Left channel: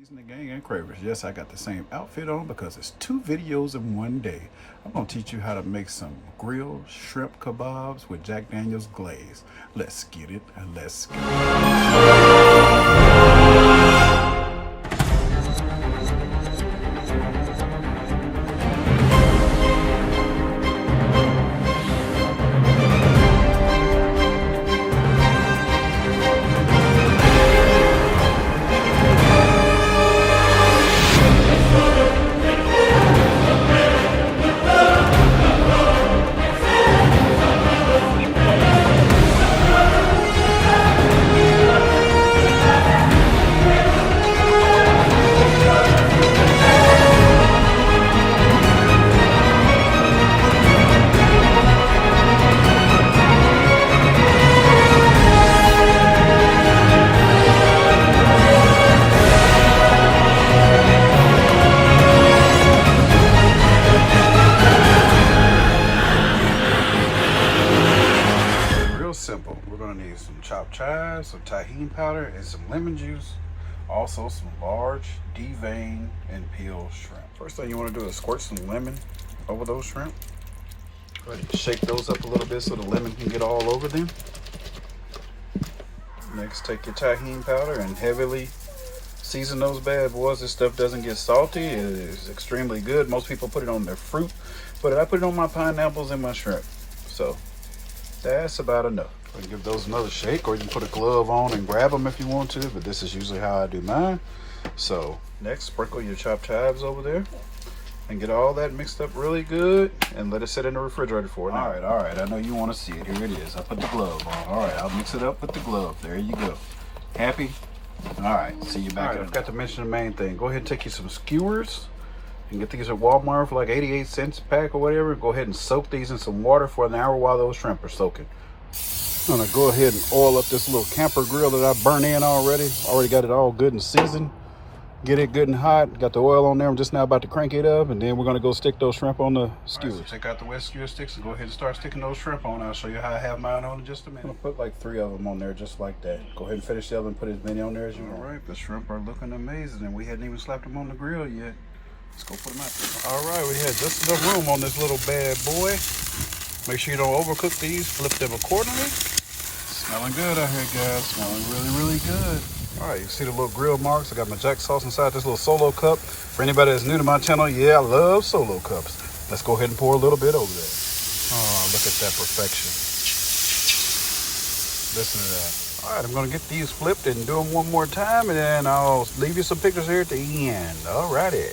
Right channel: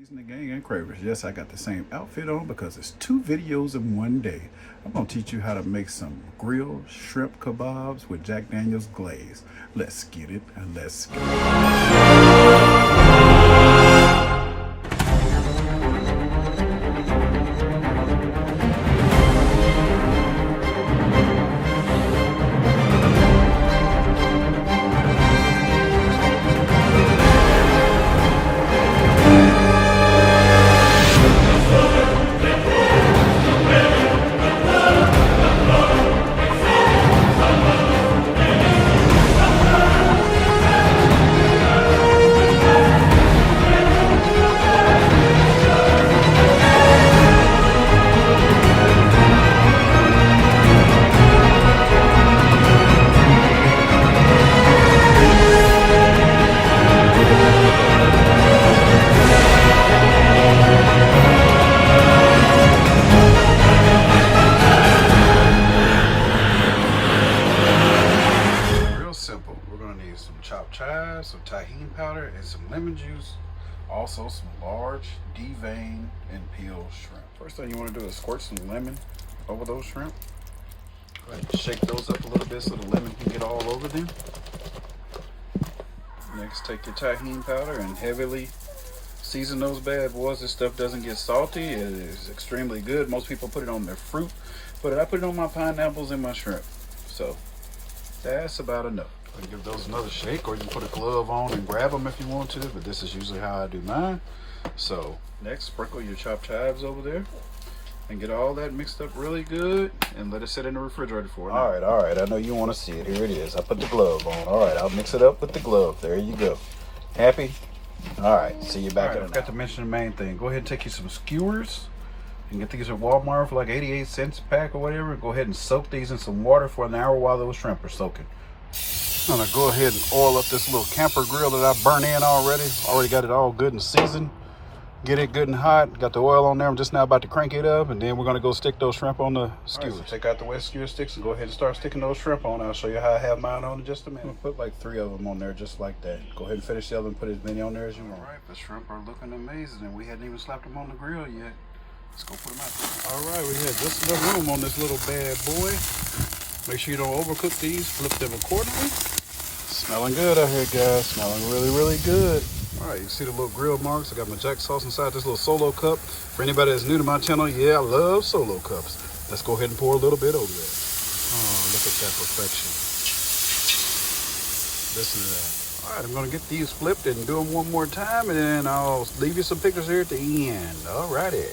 Seasoning Gang and Cravers. Yes, I got the same outfit on because it's 2 videos in one day. I'm going to teach you how to make some grilled shrimp kebabs with Jack Daniel's glaze. Let's get it and let's get it. Simple. We're going to need some chopped chives, some TAJIN powder, and some lemon juice. Also some large deveined and peeled shrimp. First thing you want to do is squirt some lemon over those shrimp. Go ahead and shake those up a little bit so the lemon can get all over them. Next, take your TAJIN powder and heavily season those bad boys. This stuff doesn't get salty. It is extremely good. Most people put it on their fruit, but I put it on my pineapples and my shrimp. So that's about enough. Go ahead and give those another shake, or you can put a glove on and grab them if you want to, but this is usually how I do mine. So next, sprinkle your chopped chives over there and get all that mixed up really good and let it sit in the refrigerator for an hour. All right, I know you want to see it. Here it is. I put the glove on. All right, I'll mix it up with the glove. There you go. Happy? All right, see you back. All right, I forgot to mention the main thing. Go ahead and take you some skewers and get these at Walmart for like 88 cents a pack or whatever. Go ahead and soak these in some water for an hour while those shrimp are soaking. I'm gonna go ahead and oil up this little camper grill that I burnt in already. Already got it all good and seasoned. Get it good and hot. Got the oil on there. I'm just now about to crank it up, and then we're gonna go stick those shrimp on the skewers. Right, so take out the wet skewer sticks and go ahead and start sticking those shrimp on. I'll show you how I have mine on in just a minute. I'm gonna put like 3 of them on there just like that. Go ahead and finish the other and put as many on there as you want. All right, the shrimp are looking amazing, and we hadn't even slapped them on the grill yet. Let's go put them out there. All right, we had just enough room on this little bad boy. Make sure you don't overcook these. Flip them accordingly. Smelling good out here, guys. Smelling really, really good. All right, you see the little grill marks. I got my Jack sauce inside this little solo cup. For anybody that's new to my channel, yeah, I love solo cups. Let's go ahead and pour a little bit over there. Oh, look at that perfection. Listen to that. All right, I'm gonna get these flipped and do them one more time, and then I'll leave you some pictures here at the end. All righty.